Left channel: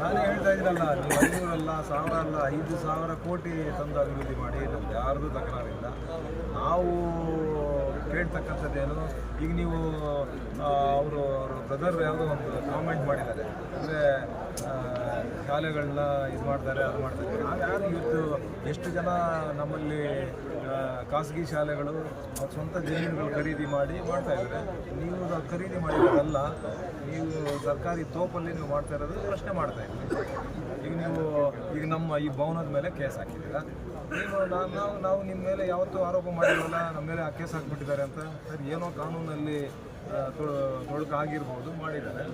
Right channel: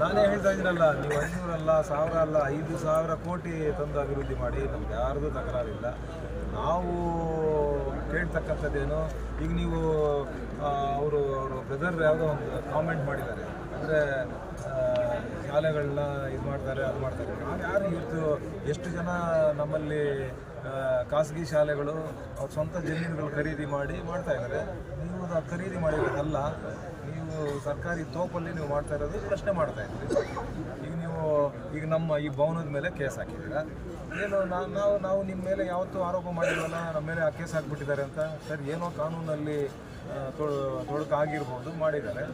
ನಾನೇ ಹೇಳ್ತಾ ಇದ್ದೀನಲ್ಲ, ನೀವು 500 ಅಲ್ಲ 1000 ಅಲ್ಲ 5,000 ಕೋಟಿ ತಂದು ಅಭಿವೃದ್ಧಿ ಮಾಡಿ, ನಮ್ದು ಯಾರ್ದು ತಕರಾರಿಲ್ಲ. ನಾವು ಕೇಳ್ತಕ್ಕಂಥದ್ದೇನು, ಈಗ ನೀವು ಅವರು ಬ್ರದರ್ ಯಾವುದೋ ಒಂದು ಕಾಮೆಂಟ್ ಮಾಡಿದ್ದಾರೆ, ಅಂದರೆ ಶಾಲೆಗಳನ್ನ ಇದು ಮಾಡ್ತಾರೆ ಅದು ಮಾಡ್ತಾರೆ. ನಾವು ಯಾರು ಇವತ್ತು ಎಷ್ಟು ಜನ ನಮ್ಮಲ್ಲಿ ಖಾಸಗಿ ಶಾಲೆಗಳು ಅವ್ರ ಸ್ವಂತ ಜಮೀನುಗಳು ಖರೀದಿ ಮಾಡಿ ಮಾಡ್ತಾ ಇದ್ದಾರೆ. ನೀವು ಖರೀದಿ ಮಾಡಿರೋದಲ್ಲ, ನೀವು ಸರ್ಕಾರಿ ತೋಪಲ್ಲಿ ನೀವು ಮಾಡ್ತಾ ಇರೋದು ಪ್ರಶ್ನೆ ಮಾಡ್ತಾ ಇದ್ರಿ. ಈಗ ನಮ್ಮ ಈ ಭವನದ ಮೇಲೆ ಕೇಸ್ ಹಾಕಿದ್ದೀರಾ. ಏನು ನಾವು ನಿಮ್ಮ ಮೇಲೆ ಯಾವತ್ತೂ ಆರೋಪ ಮಾಡಿಲ್ವಲ್ಲ, ನಮ್ಮ ಮೇಲೆ ಕೇಸ್ ಹಾಕ್ಬಿಟ್ಟಿದ್ದಾರೆ ಅಂತ. ಸರಿ, ಏನೋ ಕಾನೂನಲ್ಲಿ ತೊಡಕಾಗಿರ್ಬೋದು, ಮಾಡಿದ್ದಾರೆ.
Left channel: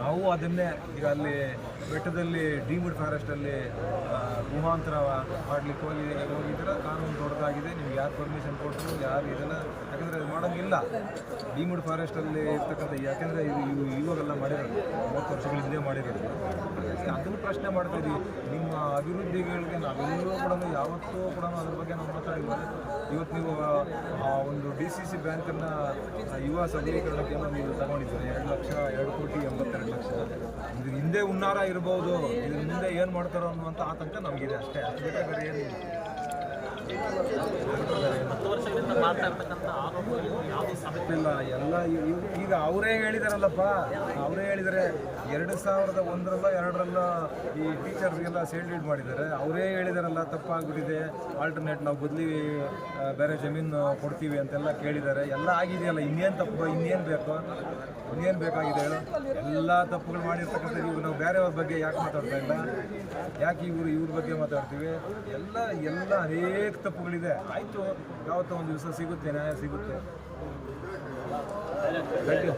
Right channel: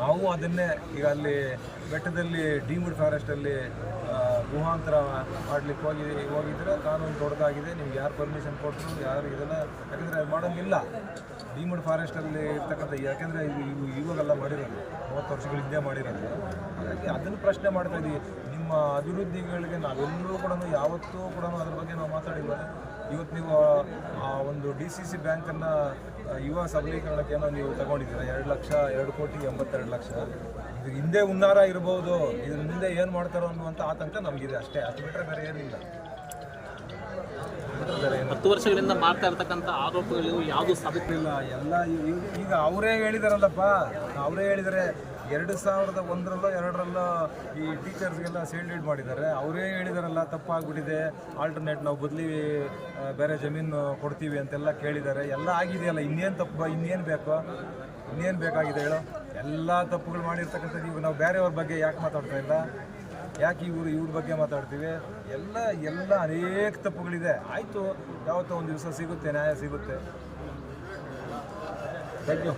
ನಾವು ಅದನ್ನೇ ಈಗ ಅಲ್ಲಿ ಬೆಟ್ಟದಲ್ಲಿ ಡೀಮ್ಡ್ ಫಾರೆಸ್ಟಲ್ಲಿ ಗುಹಾಂತರ ಮಾಡ್ಲಿಕ್ಕೆ ಹೋಗಿದ್ರೆ ಕಾನೂನು ತೊಡಕಾಗಿದೆ. ನಿಮ್ಗೆ ಯಾರು ಪರ್ಮಿಷನ್ ಕೊಟ್ಟರು, ಯಾರು ಇದೆಲ್ಲ, ಯಾಕಂದರೆ ಅದು ಮಾಡೋಂಗಿಲ್ಲ. ಡೀಮ್ಡ್ ಫಾರೆಸ್ಟಲ್ಲಿ ಇರ್ತಕ್ಕಂಥ, ಯಾಕೆಂದರೆ ಇವಾಗೆಲ್ಲ ಮಾಡಿರೋದು 30 ವರ್ಷಗಳ ಹಿಂದೆ ಮಾಡಿರೋದು. ಹಾಗಾಗಿ ಅದನ್ನು ಪ್ರಶ್ನೆ ಮಾಡ್ತಾ ಇದ್ದೀವಿ. ನಿಮ್ಮ ಅಭಿವೃದ್ಧಿಗಳಿಗೆ ನಾವೆಲ್ಲರೂ ಕೂಡ ಯಾವತ್ತೂ ಕೂಡ ಅದ್ರ ಬಗ್ಗೆ ನಾವು ಮಾತಾಡಿಲ್ವಲ್ಲ. ಇವತ್ತು ನೀವು ಒಂದು DCC ಬ್ಯಾಂಕನ್ನು ಯುವ ಸಬಲೀಕರಣಕ್ಕೆ ಏನೋ ನೀವು ತಗೊಂಡಿದ್ದೀರ, 2 ಕೋಟಿ 82 ಲಕ್ಷ. ಇದು ಹಿಂದೆ ಹುನ್ನಾರ ಇರ್ಬೋದು, ಇದ್ರ ಮುಂದೆ ಏನು ಮಾಡ್ತಾರೋ ಅನ್ನುವಂಥ ಆತಂಕ ನಮಗಿದೆ ಅಷ್ಟೇ. ಅಷ್ಟು ಬಿಟ್ಟರೆ ಬೇರೆ ಏನಿಲ್ಲ. 10 ವರ್ಷಗಳಿಂದ ಮಾಡ್ತಾ ಇರ್ತಕ್ಕಂಥ ಆರೋಪಗಳು ಯಾವುದು ಸಾಧಿಸಿಲ್ಲ. ಎಲ್ಲ ಈಗ ಅವರೇ ಹೇಳಿದಾರಲ್ಲಪ್ಪ, ಅವರೇ ಹೇಳಿದರೆ 2001ರಲ್ಲೋ 2ರಲ್ಲೋ ಈ ಟೀಚರ್ಸ್ಗೆಲ್ಲ ಸೇಲ್ಡ್ ಮಾಡಿದ್ದಾರೆ. ಅವರೇ ಹೇಳಿದಾರಲ್ಲ ತಪ್ಪಾಗ್ಬಿಟ್ಟಿದೆ, ಆಲ್ಟರ್ನೇಟ್ ನಾವು ಬದಲಿ ಬೇರೆ ಜಮೀನು ಕೊಡ್ತೀವಿ ಅಂತೆಲ್ಲ ಕೇಳಿದ್ದಾರೆ. ಎಲ್ಲ ಆಗಿದೆಯಲ್ಲ, ಇನ್ನೇನು ಬೇಕಾಗಿದೆ ಹೇಳೋ? ಎಲ್ಲ ತಪ್ಪುಗಳು ಮಾಡಿರ್ತಕ್ಕಂಥದ್ದು. ಇವು ನಾವು ಬೇರೆಯವ್ರ ಬಗ್ಗೆ ಯಾಕೆ ಮಾತಾಡ್ತಾ ಇಲ್ಲ? ಯಾಕೆ ಇವ್ರ ಬಗ್ಗೆ ಮಾತಾಡ್ತೀವಿ? ಎಲ್ಲ ಅನೇಕ ತಪ್ಪುಗಳಿದೆ. ಆಯಿತು, ಯಾವತ್ತೋ ಒಂದು ದಿವಸ ಸಿಗುತ್ತೆ, ನ್ಯಾಯ ಸಿಗುತ್ತೆ. Thank you.